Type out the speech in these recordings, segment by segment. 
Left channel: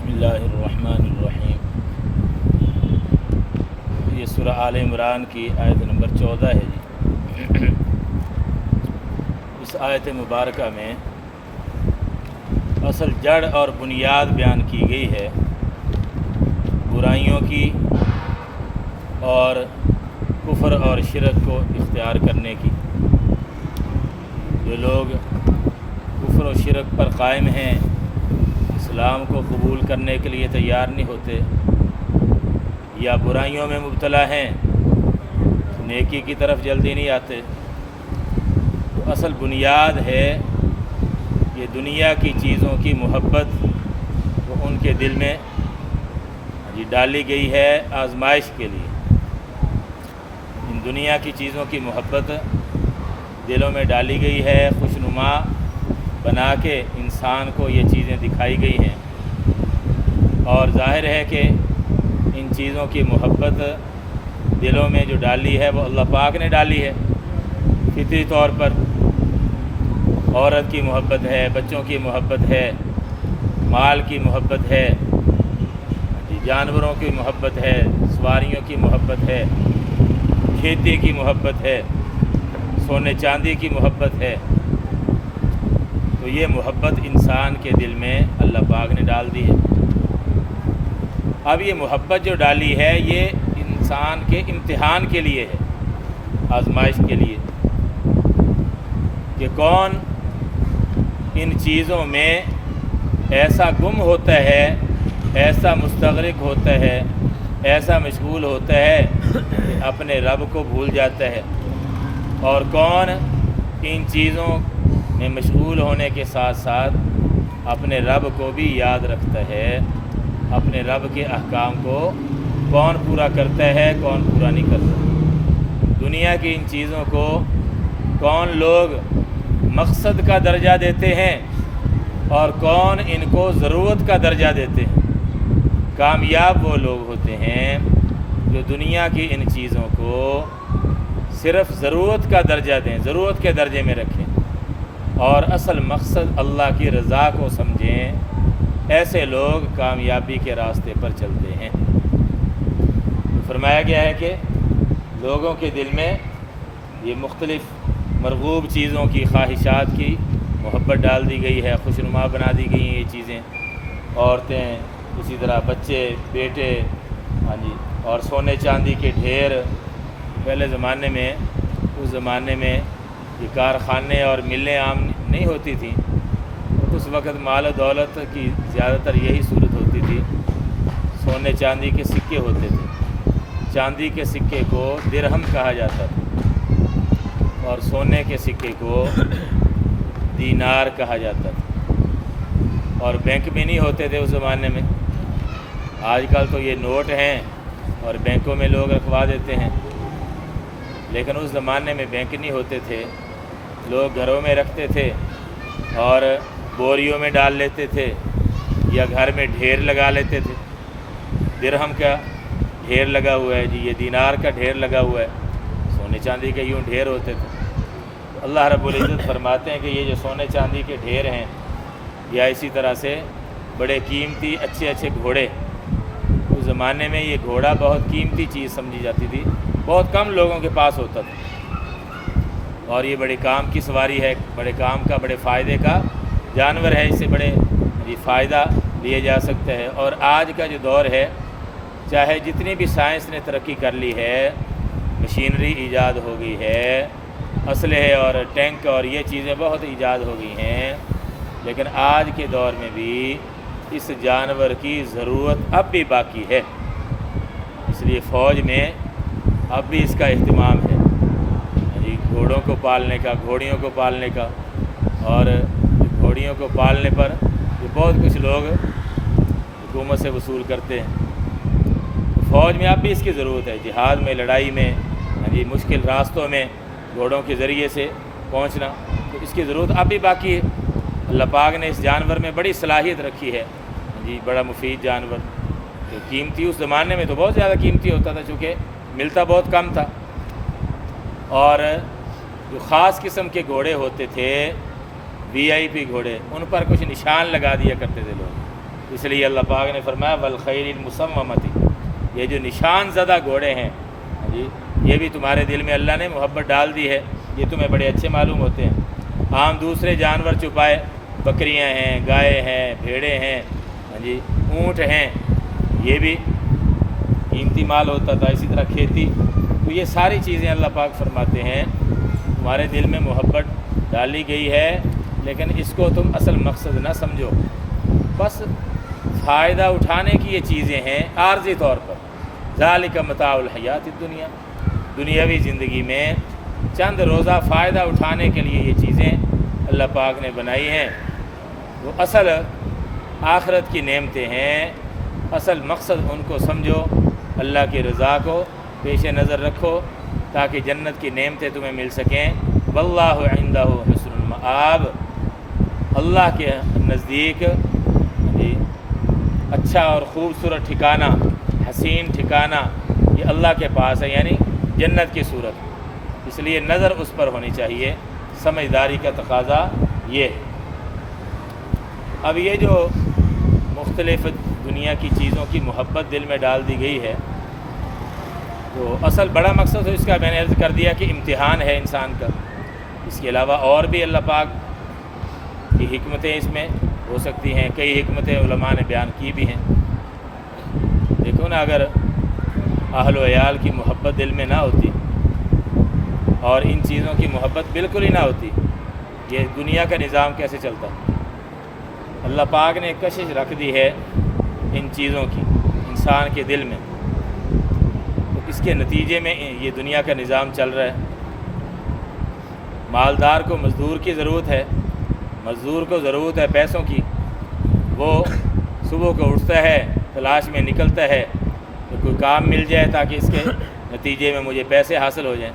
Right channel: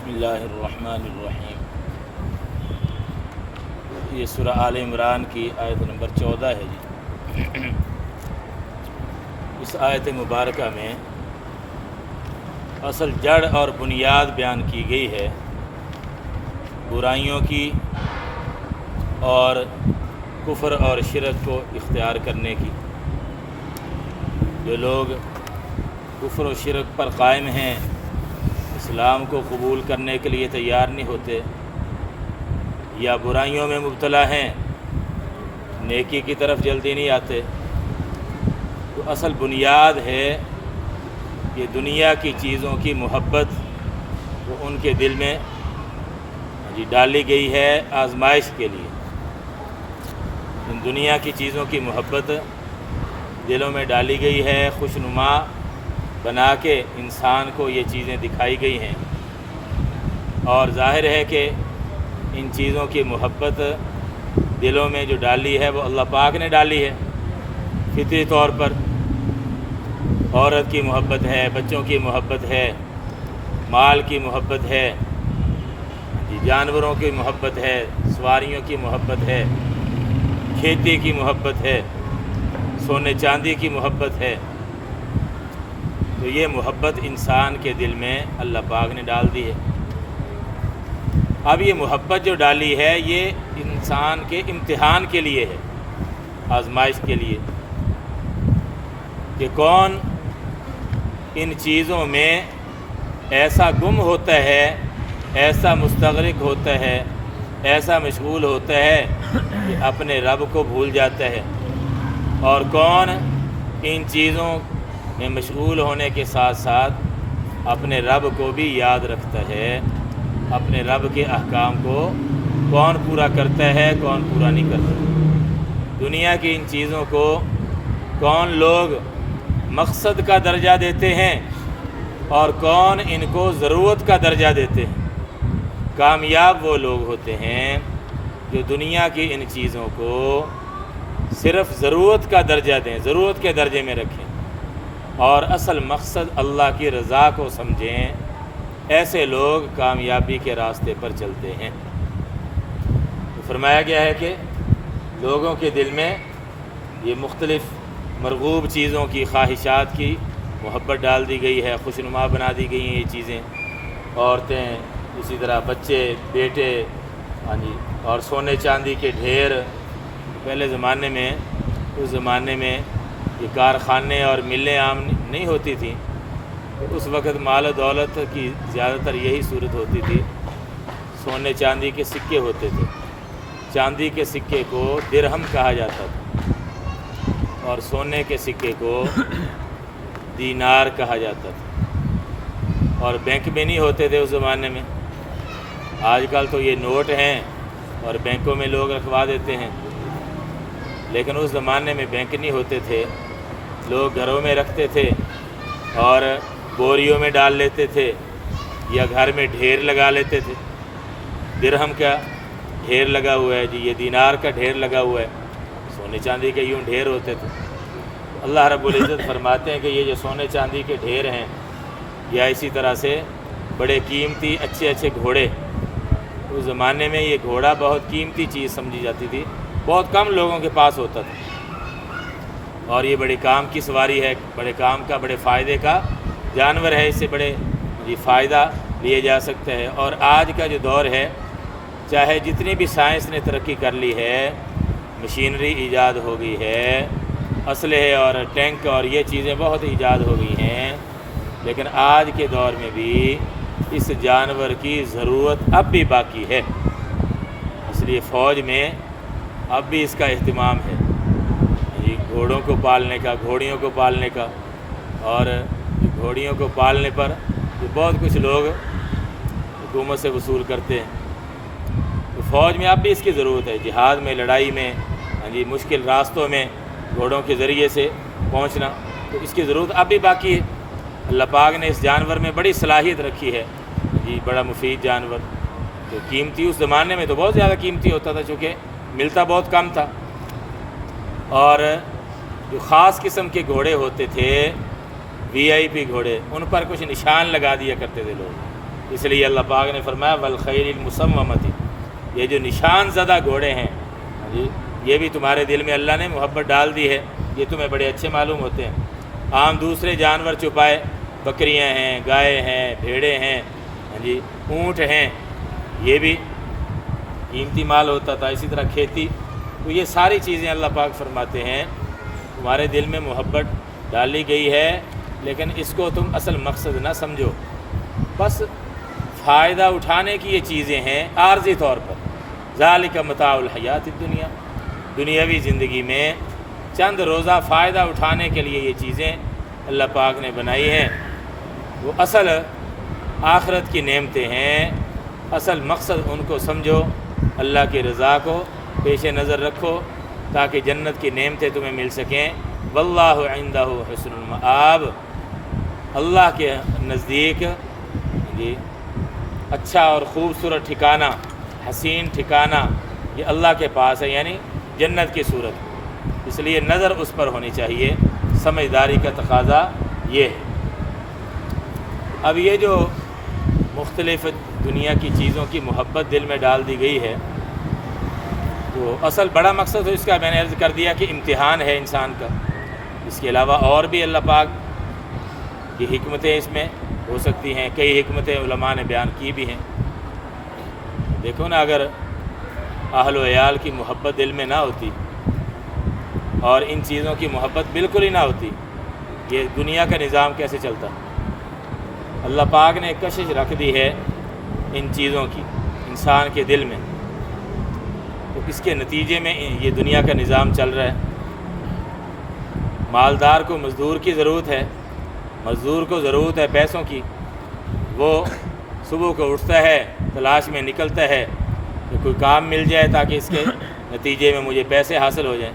بسم اللہ الرحمن الرحیم۔ یہ سورہ آل عمران کی آیت نمبر 14 ہے جی۔ اس آیت مبارکہ میں اصل جڑ اور بنیاد بیان کی گئی ہے برائیوں کی اور کفر اور شرک کو اختیار کرنے کی۔ جو لوگ کفر و شرک پر قائم ہیں، اسلام کو قبول کرنے کے لیے تیار نہیں ہوتے یا برائیوں میں مبتلا ہیں، نیکی کی طرف جلدی نہیں آتے، تو اصل بنیاد ہے کہ دنیا کی چیزوں کی محبت وہ ان کے دل میں ڈالی گئی ہے آزمائش کے لیے۔ ان دنیا کی چیزوں کی محبت دلوں میں ڈالی گئی ہے، خوشنما بنا کے انسان کو یہ چیزیں دکھائی گئی ہیں، اور ظاہر ہے کہ ان چیزوں کی محبت دلوں میں جو ڈالی ہے وہ اللہ پاک نے ڈالی ہے فطری طور پر۔ عورت کی محبت ہے، بچوں کی محبت ہے، مال کی محبت ہے، جانوروں کی محبت ہے، سواریوں کی محبت ہے، کھیتی کی محبت ہے، سونے چاندی کی محبت ہے۔ تو یہ محبت انسان کے دل میں اللہ پاک نے ڈال دی ہے۔ اب یہ محبت جو ڈالی ہے یہ انسان کے امتحان کے لیے ہے، آزمائش کے لیے، کہ کون ان چیزوں میں ایسا گم ہوتا ہے، ایسا مستغرق ہوتا ہے، ایسا مشغول ہوتا ہے کہ اپنے رب کو بھول جاتا ہے، اور کون ان چیزوں میں مشغول ہونے کے ساتھ ساتھ اپنے رب کو بھی یاد رکھتا ہے، اپنے رب کے احکام کو کون پورا کرتا ہے، کون پورا نہیں کرتا۔ دنیا کی ان چیزوں کو کون لوگ مقصد کا درجہ دیتے ہیں اور کون ان کو ضرورت کا درجہ دیتے ہیں۔ کامیاب وہ لوگ ہوتے ہیں جو دنیا کی ان چیزوں کو صرف ضرورت کا درجہ دیں، ضرورت کے درجے میں رکھیں، اور اصل مقصد اللہ کی رضا کو سمجھیں۔ ایسے لوگ کامیابی کے راستے پر چلتے ہیں۔ تو فرمایا گیا ہے کہ لوگوں کے دل میں یہ مختلف مرغوب چیزوں کی، خواہشات کی محبت ڈال دی گئی ہے، خوشنما بنا دی گئی ہیں یہ چیزیں، عورتیں، اسی طرح بچے، بیٹے، اور سونے چاندی کے ڈھیر۔ پہلے زمانے میں، اس زمانے میں یہ کارخانے اور ملیں عام نہیں ہوتی تھیں، تو اس وقت مال و دولت کی زیادہ تر یہی صورت ہوتی تھی۔ سونے چاندی کے سکے ہوتے تھے، چاندی کے سکے کو درہم کہا جاتا تھا، اور سونے کے سکے کو دینار کہا جاتا تھا، اور بینک میں نہیں ہوتے تھے اس زمانے میں۔ آج کل تو یہ نوٹ ہیں اور بینکوں میں لوگ رکھوا دیتے ہیں، لیکن اس زمانے میں بینک نہیں ہوتے تھے، لوگ گھروں میں رکھتے تھے اور بوریوں میں ڈال لیتے تھے یا گھر میں ڈھیر لگا لیتے تھے۔ درہم کا ڈھیر لگا ہوا ہے جی، یہ دینار کا ڈھیر لگا ہوا ہے، سونے چاندی کے یوں ڈھیر ہوتے تھے۔ اللہ رب العزت فرماتے ہیں کہ یہ جو سونے چاندی کے ڈھیر ہیں، یا اسی طرح سے بڑے قیمتی اچھے اچھے گھوڑے، اس زمانے میں یہ گھوڑا بہت قیمتی چیز سمجھی جاتی تھی، بہت کم لوگوں کے پاس ہوتا تھا، اور یہ بڑے کام کی سواری ہے، بڑے کام کا، بڑے فائدے کا جانور ہے، اس سے بڑے فائدہ لیا جا سکتا ہے۔ اور آج کا جو دور ہے، چاہے جتنی بھی سائنس نے ترقی کر لی ہے، مشینری ایجاد ہو گئی ہے، اسلحے اور ٹینک اور یہ چیزیں بہت ایجاد ہو گئی ہیں، لیکن آج کے دور میں بھی اس جانور کی ضرورت اب بھی باقی ہے۔ اس لیے فوج میں اب بھی اس کا اہتمام ہے، گھوڑوں کو پالنے کا، گھوڑیوں کو پالنے کا، اور گھوڑیوں کو پالنے پر بہت کچھ لوگ حکومت سے وصول کرتے ہیں۔ تو فوج میں اب بھی اس کی ضرورت ہے، جہاد میں، لڑائی میں، مشکل راستوں میں گھوڑوں کے ذریعے سے پہنچنا، تو اس کی ضرورت اب بھی باقی ہے۔ اللہ پاک نے اس جانور میں بڑی صلاحیت رکھی ہے، بڑا مفید جانور، جو قیمتی اس زمانے میں تو بہت زیادہ قیمتی ہوتا تھا، چونکہ ملتا بہت کم تھا، اور جو خاص قسم کے گھوڑے ہوتے تھے، وی آئی پی گھوڑے، ان پر کچھ نشان لگا دیا کرتے تھے لوگ، اس لیے اللہ پاک نے فرمایا والخیل المسومۃ، یہ جو نشان زدہ گھوڑے ہیں جی، یہ بھی تمہارے دل میں اللہ نے محبت ڈال دی ہے، یہ تمہیں بڑے اچھے معلوم ہوتے ہیں۔ عام دوسرے جانور چھپائے، بکریاں ہیں، گائے ہیں، بھیڑیں ہیں جی، اونٹ ہیں، یہ بھی قیمتی مال ہوتا تھا، اسی طرح کھیتی، تو یہ ساری چیزیں اللہ پاک فرماتے ہیں تمہارے دل میں محبت ڈالی گئی ہے، لیکن اس کو تم اصل مقصد نہ سمجھو، بس فائدہ اٹھانے کی یہ چیزیں ہیں عارضی طور پر۔ ذالک متاع الحیات الدنیا، دنیاوی زندگی میں چند روزہ فائدہ اٹھانے کے لیے یہ چیزیں اللہ پاک نے بنائی ہیں، وہ اصل آخرت کی نعمتیں ہیں، اصل مقصد ان کو سمجھو، اللہ کی رضا کو پیش نظر رکھو تاکہ جنت کی نعمتیں تمہیں مل سکیں۔ واللہ عندہ حسن المآب، اللہ کے نزدیک جی اچھا اور خوبصورت ٹھکانہ، حسین ٹھکانہ یہ اللہ کے پاس ہے، یعنی جنت کی صورت، اس لیے نظر اس پر ہونی چاہیے، سمجھداری کا تقاضا یہ ہے۔ اب یہ جو مختلف دنیا کی چیزوں کی محبت دل میں ڈال دی گئی ہے، تو اصل بڑا مقصد ہے اس کا میں نے عرض کر دیا کہ امتحان ہے انسان کا، اس کے علاوہ اور بھی اللہ پاک کی حکمتیں اس میں ہو سکتی ہیں، کئی حکمتیں علماء نے بیان کی بھی ہیں۔ دیکھو نا، اگر اہل و عیال کی محبت دل میں نہ ہوتی اور ان چیزوں کی محبت بالکل ہی نہ ہوتی، یہ دنیا کا نظام کیسے چلتا؟ اللہ پاک نے کشش رکھ دی ہے ان چیزوں کی انسان کے دل میں، تو اس کے نتیجے میں یہ دنیا کا نظام چل رہا ہے۔ مالدار کو مزدور کی ضرورت ہے، مزدور کو ضرورت ہے پیسوں کی، وہ صبح کو اٹھتا ہے، تلاش میں نکلتا ہے کہ کوئی کام مل جائے تاکہ اس کے نتیجے میں مجھے پیسے حاصل ہو جائیں،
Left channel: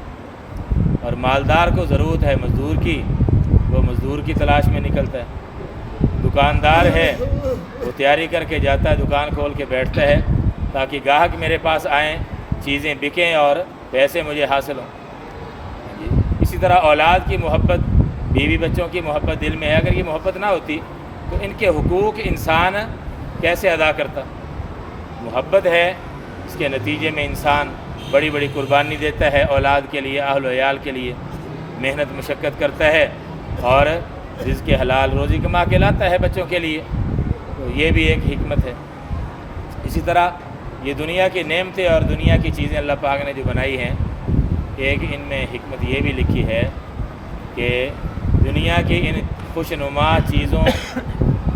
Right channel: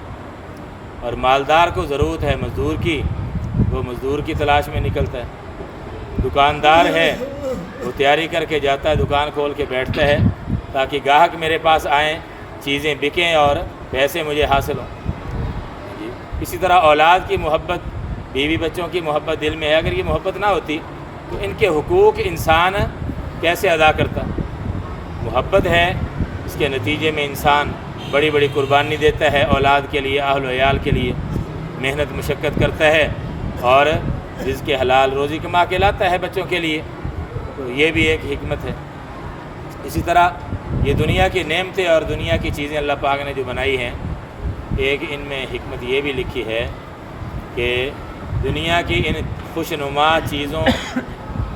اور مالدار کو ضرورت ہے مزدور کی، وہ مزدور کی تلاش میں نکلتا ہے۔ دکاندار ہے، وہ تیاری کر کے جاتا ہے، دکان کھول کے بیٹھتا ہے تاکہ گاہک میرے پاس آئیں، چیزیں بکیں اور پیسے مجھے حاصل ہوں۔ اسی طرح اولاد کی محبت، بیوی بچوں کی محبت دل میں ہے، اگر یہ محبت نہ ہوتی تو ان کے حقوق انسان کیسے ادا کرتا؟ محبت ہے، اس کے نتیجے میں انسان بڑی بڑی قربانی دیتا ہے اولاد کے لیے، اہل و عیال کے لیے، محنت مشقت کرتا ہے اور رزق حلال روزی کما کے لاتا ہے بچوں کے لیے، تو یہ بھی ایک حکمت ہے۔ اسی طرح یہ دنیا کی نعمتیں اور دنیا کی چیزیں اللہ پاک نے جو بنائی ہیں، ایک ان میں حکمت یہ بھی لکھی ہے کہ دنیا کی ان خوشنما چیزوں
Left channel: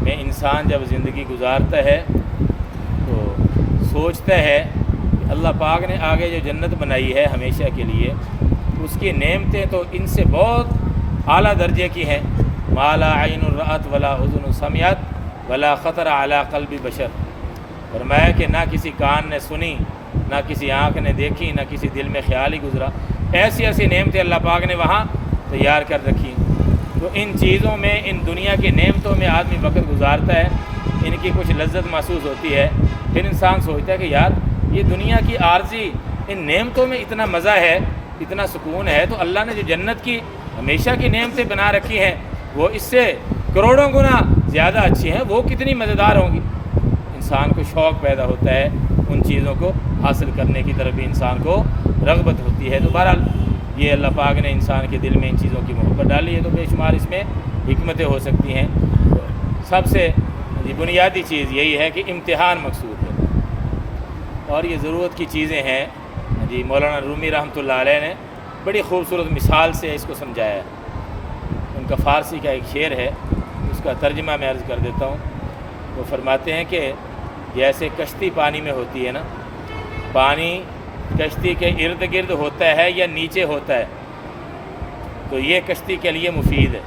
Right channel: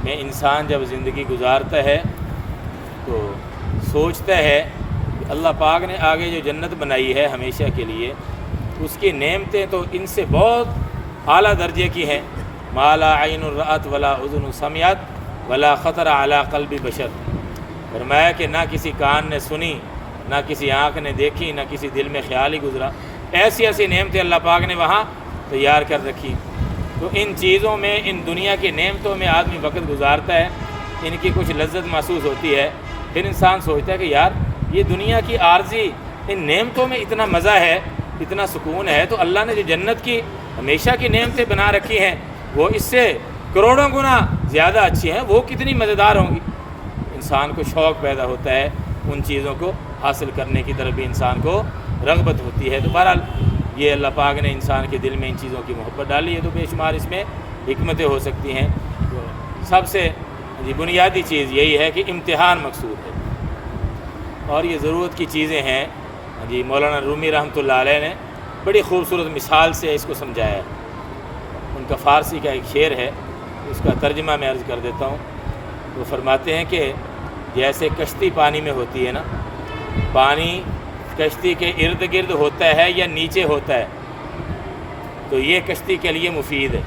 میں انسان جب زندگی گزارتا ہے تو سوچتا ہے کہ اللہ پاک نے آگے جو جنت بنائی ہے ہمیشہ کے لیے، اس کی نعمتیں تو ان سے بہت اعلیٰ درجے کی ہیں۔ ما لا عین رأت ولا اذن سمعت ولا خطر علی قلب بشر، فرمایا کہ نہ کسی کان نے سنی، نہ کسی آنکھ نے دیکھی، نہ کسی دل میں خیال ہی گزرا، ایسی ایسی نعمتیں اللہ پاک نے وہاں تیار کر رکھی۔ تو ان چیزوں میں، ان دنیا کی نعمتوں میں آدمی وقت گزارتا ہے، ان کی کچھ لذت محسوس ہوتی ہے، پھر انسان سوچتا ہے کہ یار یہ دنیا کی عارضی ان نعمتوں میں اتنا مزہ ہے، اتنا سکون ہے، تو اللہ نے جو جنت کی ہمیشہ کی نعمتیں بنا رکھی ہیں وہ اس سے کروڑوں گنا زیادہ اچھی ہیں، وہ کتنی مزیدار ہوں گی۔ انسان کو شوق پیدا ہوتا ہے، ان چیزوں کو حاصل کرنے کی طرف بھی انسان کو رغبت ہوتی ہے۔ تو بہرحال یہ اللہ پاک نے انسان کے دل میں ان چیزوں کی محبت ڈالی ہے، تو بے شمار اس میں حکمتیں ہو سکتی ہیں۔ سب سے بنیادی چیز یہی ہے کہ امتحان مقصود ہے، اور یہ ضرورت کی چیزیں ہیں۔ مولانا رومی رحمۃ اللہ علیہ نے بڑی خوبصورت مثال سے اس کو سمجھایا ہے۔ ان کا فارسی کا ایک شعر ہے، اس کا ترجمہ میں عرض کر دیتا ہوں۔ وہ فرماتے ہیں کہ جیسے کشتی پانی میں ہوتی ہے نا، پانی کشتی کے ارد گرد ہوتا ہے یا نیچے ہوتا ہے، تو یہ کشتی کے لیے مفید ہے،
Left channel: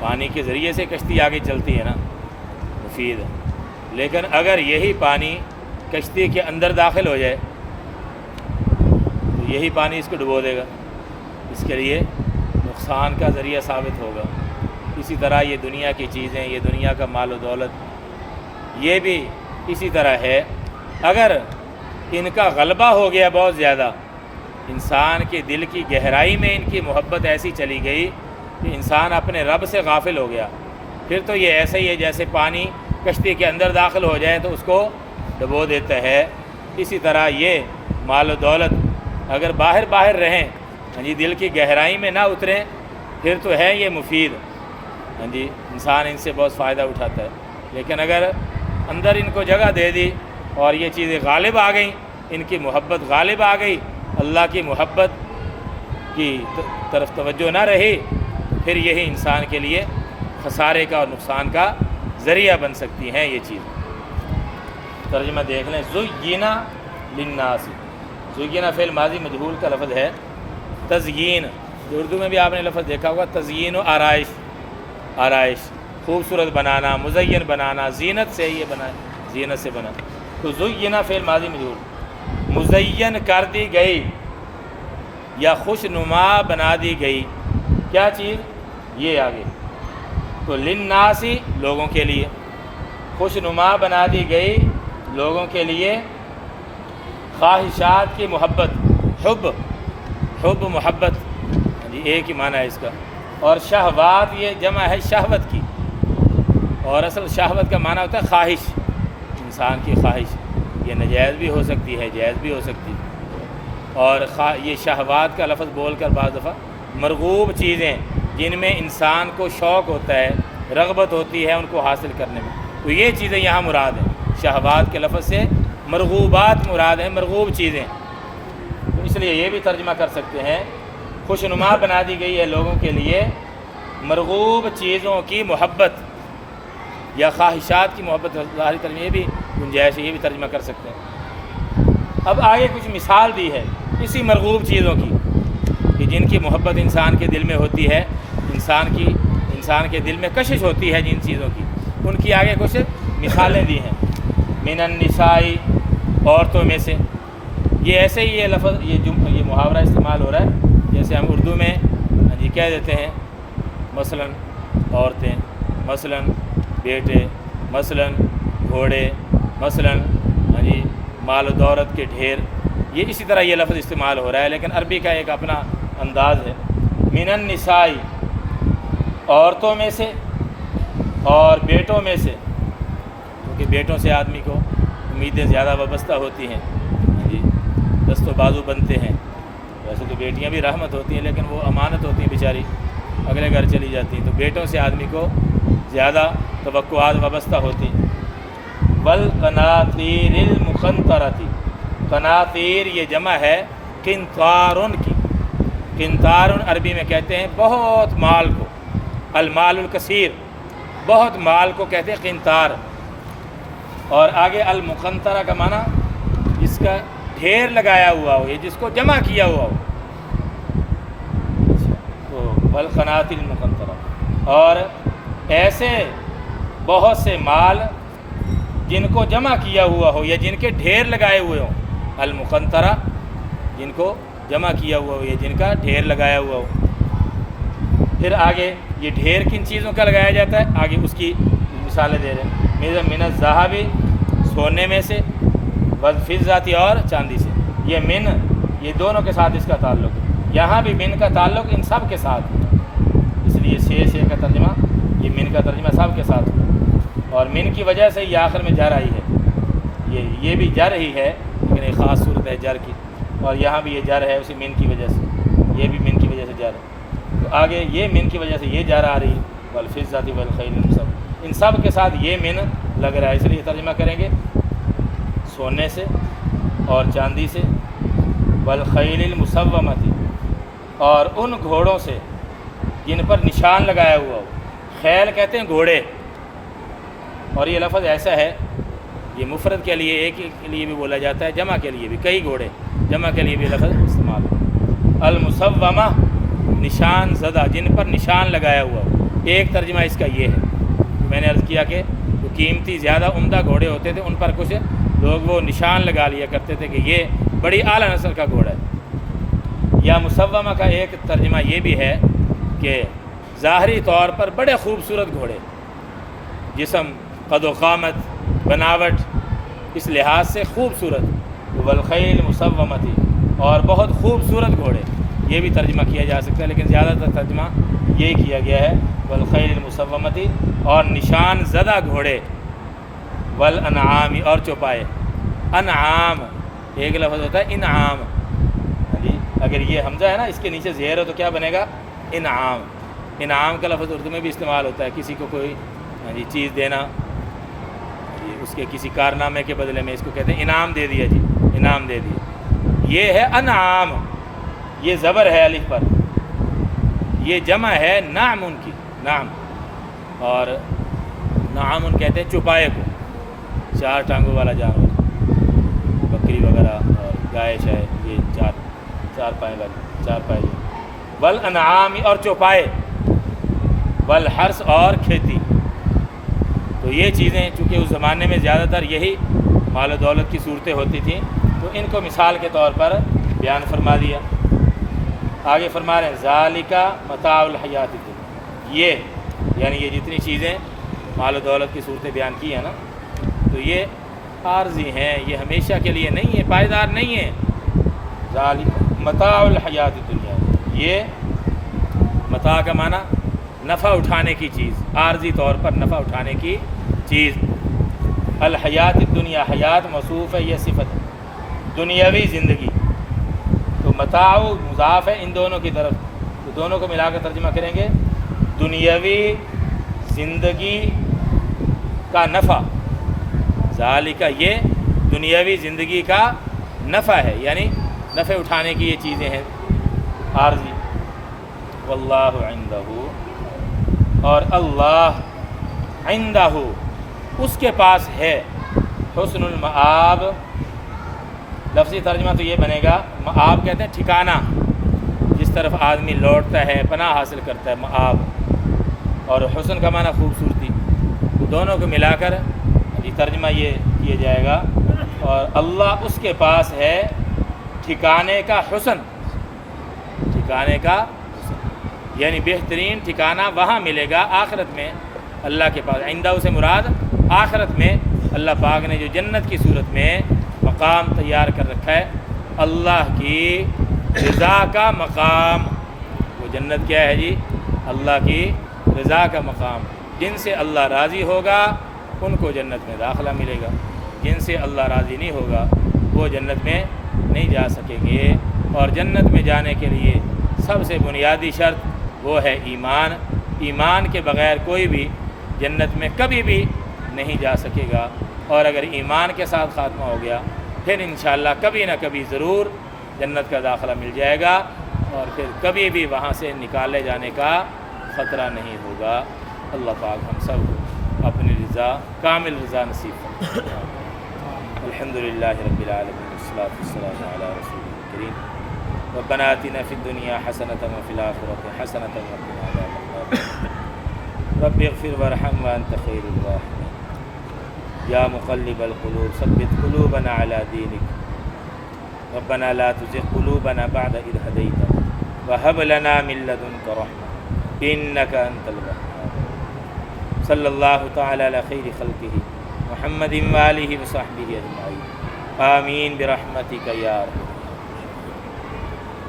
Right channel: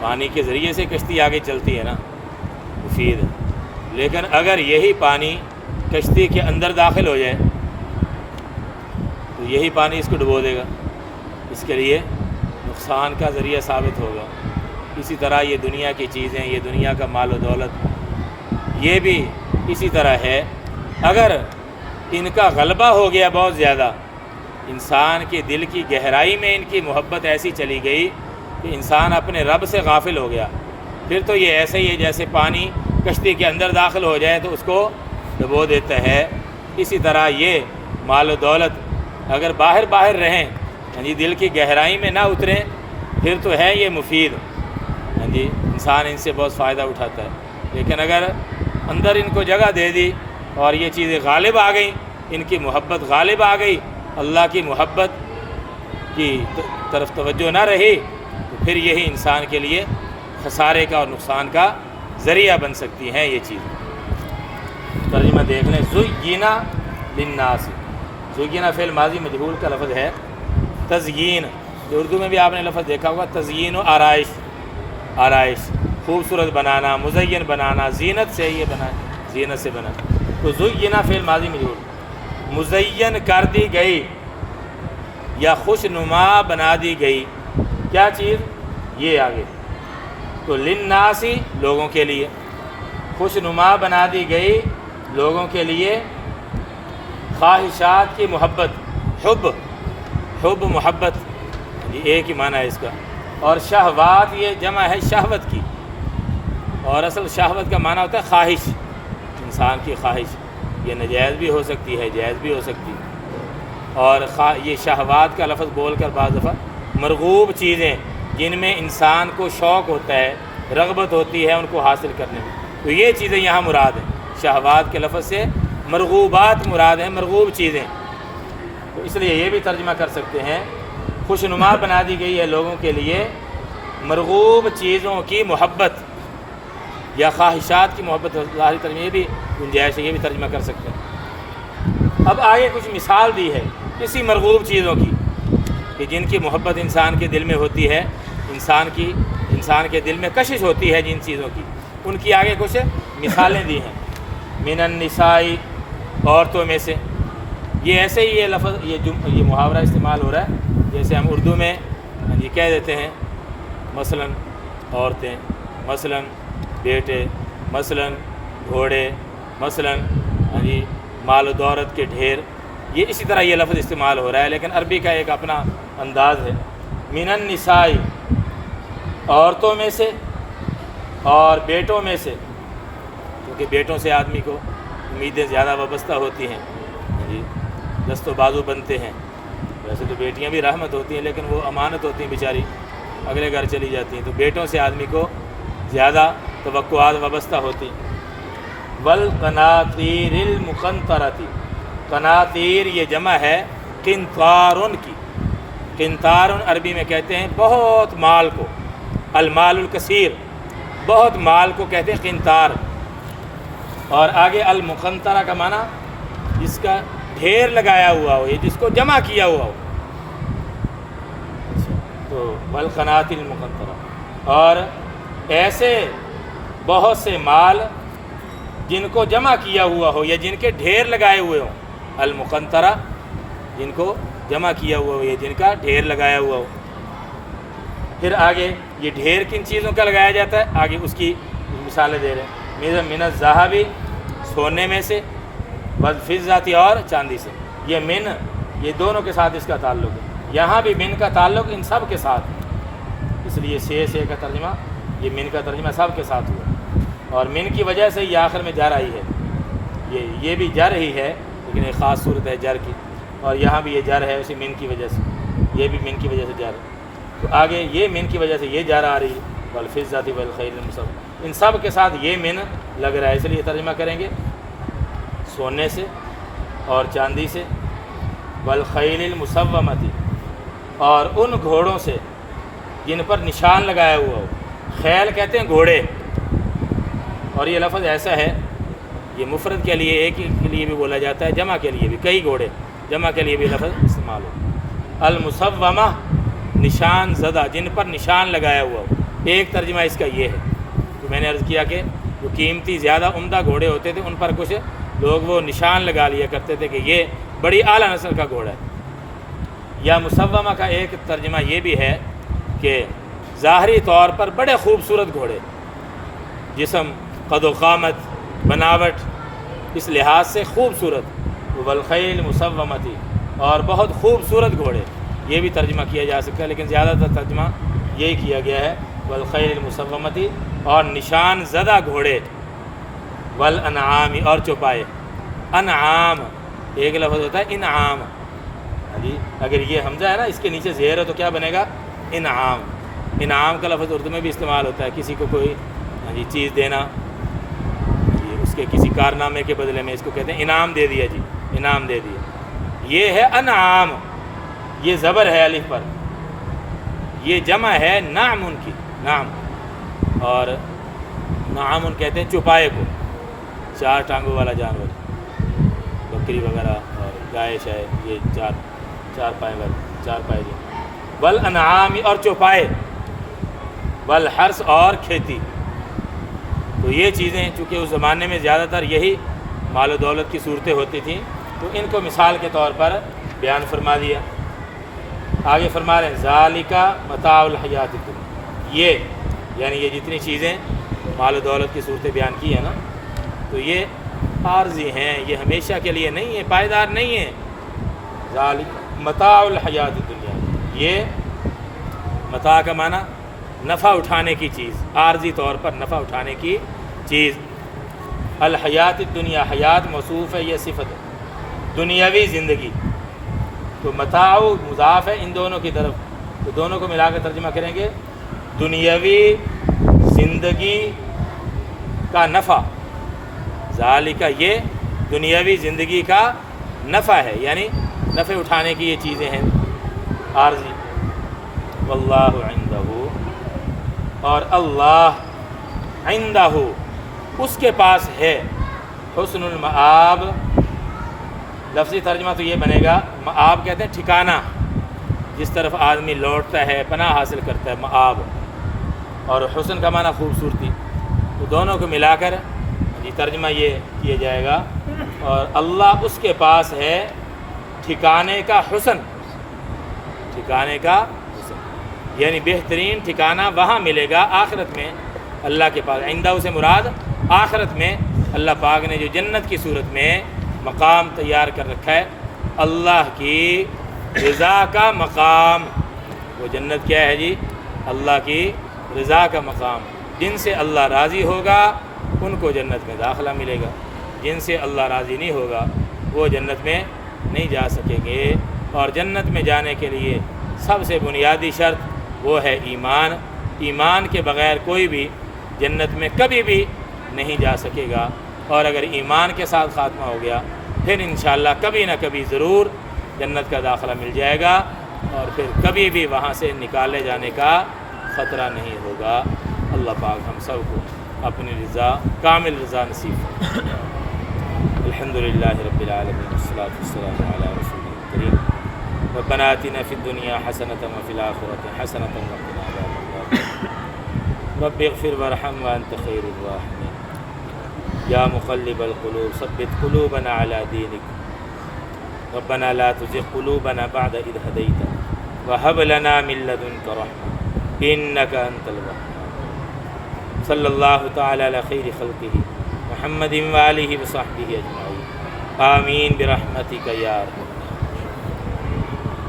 پانی کے ذریعے سے کشتی آگے چلتی ہے نا، مفید ہے۔ لیکن اگر یہی پانی کشتی کے اندر داخل ہو جائے تو یہی پانی اس کو ڈبو دے گا، اس کے لیے نقصان کا ذریعہ ثابت ہوگا۔ اسی طرح یہ دنیا کی چیزیں، یہ دنیا کا مال و دولت، یہ بھی اسی طرح ہے، اگر ان کا غلبہ ہو گیا بہت زیادہ، انسان کے دل کی گہرائی میں ان کی محبت ایسی چلی گئی کہ انسان اپنے رب سے غافل ہو گیا، پھر تو یہ ایسا ہی ہے جیسے پانی کشتی کے اندر داخل ہو جائے تو اس کو ڈبو دیتا ہے. اسی طرح یہ مال و دولت اگر باہر رہیں دل کی گہرائی میں نہ اتریں پھر تو ہے یہ مفید. انسان ان سے بہت فائدہ اٹھاتا ہے. لیکن اگر اندر ان کو جگہ دے دی اور یہ چیزیں غالب آ گئیں، ان کی محبت غالب آ گئی، اللہ کی محبت کی طرف توجہ نہ رہی، تو پھر یہی انسان کے لیے خسارے کا اور نقصان کا ذریعہ بن سکتی ہیں یہ چیز. ترجمہ دیکھ لیں. زینا للناس، زینا فعل ماضی مجہول کا لفظ ہے. تزیین، اردو میں بھی آپ نے لفظ دیکھا ہوگا، تزیین و آرائش، خوبصورت بنانا، مزین بنانا، زینت سے یہ بنا، زینت سے بنا. تو زینا فعل ماضی مجہول، مزین کر دی گئی یا خوش نما بنا دی گئی کیا چیز؟ یہ آگے. تو للناسی لوگوں کے لیے، خوش نما بنا دی گئی لوگوں کے لیے. خواہشات کی محبت، حب محبت ایک ہی معنی ہے اس کا. اور شہوات یہ جمع ہے شہوت کی، اور اصل شہوت کا معنی ہوتا ہے خواہش، انسان کی خواہش. یہ ناجائز بھی ہو سکتی ہے، جائز بھی ہو سکتی ہے. اور یہ شہوات کا لفظ بول کر بعض دفعہ مرغوب چیزیں جن میں انسان کو شوق ہوتا ہے، رغبت ہوتی ہے ان کو حاصل کرنے میں، تو یہ چیزیں یہاں مراد ہیں. شہوات کے لفظ سے مرغوبات مراد ہیں، مرغوب چیزیں. تو اس لیے یہ بھی ترجمہ کر سکتے ہیں خوش نما بنا دی گئی ہے لوگوں کے لیے مرغوب چیزوں کی محبت یا خواہشات کی محبت. ظاہری ترجمہ یہ بھی گنجائش ہے، یہ بھی ترجمہ کر سکتے ہیں. اب آگے کچھ مثال دی ہے اسی مرغوب چیزوں کی کہ جن کی محبت انسان کے دل میں ہوتی ہے، انسان کے دل میں کشش ہوتی ہے جن چیزوں کی، ان کی آگے کچھ مثالیں دی ہیں. من النساء، عورتوں میں سے. یہ ایسے ہی یہ لفظ یہ محاورہ استعمال ہو رہا ہے جیسے ہم اردو میں کہہ دیتے ہیں مثلا عورتیں، مثلا بیٹے، مثلا گھوڑے، مثلا مال و دولت کے ڈھیر. یہ اسی طرح یہ لفظ استعمال ہو رہا ہے، لیکن عربی کا ایک اپنا انداز ہے. من النساء، عورتوں میں سے اور بیٹوں میں سے، کیونکہ بیٹوں سے آدمی کو امیدیں زیادہ وابستہ ہوتی ہیں، دست و بازو بنتے ہیں. ویسے تو بیٹیاں بھی رحمت ہوتی ہیں لیکن وہ امانت ہوتی ہیں بیچاری، اگلے گھر چلی جاتی ہیں. تو بیٹوں سے آدمی کو زیادہ توقعات وابستہ ہوتی ہیں. والقناطیر المقنطرۃ، قناطیر یہ جمع ہے قنطارن کی. قنطارن عربی میں کہتے ہیں بہت مال کو، المال الکثیر، بہت مال کو کہتے ہیں قنطار. اور آگے المقنطرہ کا معنی اس کا ڈھیر لگایا ہوا ہو، یہ جس کو جمع کیا ہوا ہو. تو والقناطیر المقنطرہ، اور ایسے بہت سے مال جن کو جمع کیا ہوا ہو یا جن کے ڈھیر لگائے ہوئے ہوں. المقنطرہ جن کو جمع کیا ہوا ہو یا جن کا ڈھیر لگایا ہوا ہو. پھر آگے یہ ڈھیر کن چیزوں کا لگایا جاتا ہے آگے اس کی مثالیں دے رہے ہیں. من الذهب، سونے میں سے، والفضة، اور چاندی سے. یہ من، یہ دونوں کے ساتھ اس کا تعلق ہے. یہاں بھی من کا تعلق ان سب کے ساتھ ہے، اس لیے سے کا ترجمہ، یہ من کا ترجمہ سب کے ساتھ ہوا. اور من کی وجہ سے یہ آخر میں جر آئی ہے. یہ بھی جر ہی ہے لیکن ایک خاص صورت ہے جر کی. اور یہاں بھی یہ جر ہے اسی من کی وجہ سے، یہ بھی من کی وجہ سے جر ہے. تو آگے یہ من کی وجہ سے یہ جر آ رہی، والفضة والخیل المسومۃ، ان سب کے ساتھ یہ من لگ رہا ہے. اس لیے ترجمہ کریں گے سونے سے اور چاندی سے، والخیل المسومۃ، اور ان گھوڑوں سے جن پر نشان لگایا ہوا ہو. خیل کہتے ہیں گھوڑے، اور یہ لفظ ایسا ہے یہ مفرد کے لیے ایک کے لیے بھی بولا جاتا ہے، جمع کے لیے بھی، کئی گھوڑے، جمع کے لیے بھی لفظ استعمال ہو. المسومہ، نشان زدہ، جن پر نشان لگایا ہوا ہو. ایک ترجمہ اس کا یہ ہے کہ میں نے عرض کیا کہ جو قیمتی زیادہ عمدہ گھوڑے ہوتے تھے ان پر کچھ لوگ وہ نشان لگا لیا کرتے تھے کہ یہ بڑی اعلیٰ نسل کا گھوڑا ہے. یا مسومہ کا ایک ترجمہ یہ بھی ہے کہ ظاہری طور پر بڑے خوبصورت گھوڑے، جسم، قد و قامت، بناوٹ، اس لحاظ سے خوبصورت. والخیل مسومۃ، اور بہت خوبصورت گھوڑے. یہ بھی ترجمہ کیا جا سکتا ہے، لیکن زیادہ تر ترجمہ یہی کیا گیا ہے والخیل المسومتی، اور نشان زدہ گھوڑے، والانعام، اور چوپائے۔ انعام ایک لفظ ہوتا ہے انعام، جی اگر یہ حمزہ ہے نا اس کے نیچے زیر ہو تو کیا بنے گا؟ انعام۔ انعام کا لفظ اردو میں بھی استعمال ہوتا ہے، کسی کو کوئی جی چیز دینا، جی اس کے کسی کارنامے کے بدلے میں، اس کو کہتے ہیں انعام دے دیا، جی انعام دے دیا، یہ ہے انعام، یہ زبر ہے الف پر، یہ جمع ہے نعم کی، نعم، اور نعم کہتے ہیں چوپائے کو، چار ٹانگوں والا جانور، بکری وغیرہ اور گائے شاید، یہ چار پائے والی، چار پائے، والانعام، اور چوپائے، والحرث، اور کھیتی۔ تو یہ چیزیں چونکہ اس زمانے میں زیادہ تر یہی مال و دولت کی صورتیں ہوتی تھیں، تو ان کو مثال کے طور پر بیان فرما دیا۔ آگے فرما رہے ہیں ذالک متاع الحیات الدنیا، یہ یعنی یہ جتنی چیزیں مال و دولت کی صورتیں بیان کی ہیں نا، تو یہ عارضی ہیں، یہ ہمیشہ کے لیے نہیں ہے، پائیدار نہیں ہے۔ ذالک متاع الحیات الدنیا، یہ متاع کا معنی نفع اٹھانے کی چیز، عارضی طور پر نفع اٹھانے کی چیز۔ الحیات الدنیا، حیات موصوف ہے، یہ صفت ہے، دنیاوی زندگی، تو متاع مضاف ہے ان دونوں کی طرف، تو دونوں کو ملا کر ترجمہ کریں گے دنیاوی زندگی کا نفع۔ ذالک، یہ دنیاوی زندگی کا نفع ہے، یعنی نفع اٹھانے کی یہ چیزیں ہیں عارضی۔ واللہ عندہ، اور اللہ عندہ، اس کے پاس ہے، حسن المآب، لفظی ترجمہ تو یہ بنے گا، مآب کہتے ہیں ٹھکانہ، جس طرف آدمی لوٹتا ہے، پناہ حاصل کرتا ہے، مآب، اور حسن کا معنی خوبصورتی، تو دونوں کو ملا کر ترجمہ یہ کیا جائے گا، اور اللہ اس کے پاس ہے ٹھکانے کا حسن، ٹھکانے کا حسن، یعنی بہترین ٹھکانہ وہاں ملے گا آخرت میں اللہ کے پاس۔ عندہ سے مراد آخرت میں اللہ پاک نے جو جنت کی صورت میں مقام تیار کر رکھا ہے، اللہ کی رضا کا مقام، وہ جنت کیا ہے جی؟ اللہ کی رضا کا مقام، جن سے اللہ راضی ہوگا ان کو جنت میں داخلہ ملے گا، جن سے اللہ راضی نہیں ہوگا وہ جنت میں نہیں جا سکیں گے۔ اور جنت میں جانے کے لیے سب سے بنیادی شرط وہ ہے ایمان، ایمان کے بغیر کوئی بھی جنت میں کبھی بھی نہیں جا سکے گا، اور اگر ایمان کے ساتھ خاتمہ ہو گیا پھر انشاءاللہ کبھی نہ کبھی ضرور جنت کا داخلہ مل جائے گا، اور پھر کبھی بھی وہاں سے نکالے جانے کا خطرہ نہیں ہوگا۔ اللہ پاک ہم سب کو اپنی رضا، کامل رضا نصیب فرمائے۔ الحمدللہ رب العالمین، والصلاۃ والسلام علی رسول الکریم، ربنا آتنا فی الدنیا حسنۃ وفی الآخرۃ حسنۃ وقنا عذاب النار، رب اغفر وارحم وانت خیر الراحمین، یا مقلب القلوب ثبت قلوبنا علی دینک، ربنا لا تزغ قلوبنا بعد اذ ہدیتنا وہب لنا من لدنک رحمۃ انک انت الوہاب۔ صلی اللہ تعالی علی خیر خلقہ محمد وآلہ وصحبہ اجمعین، آمین برحمتک یا ارحم۔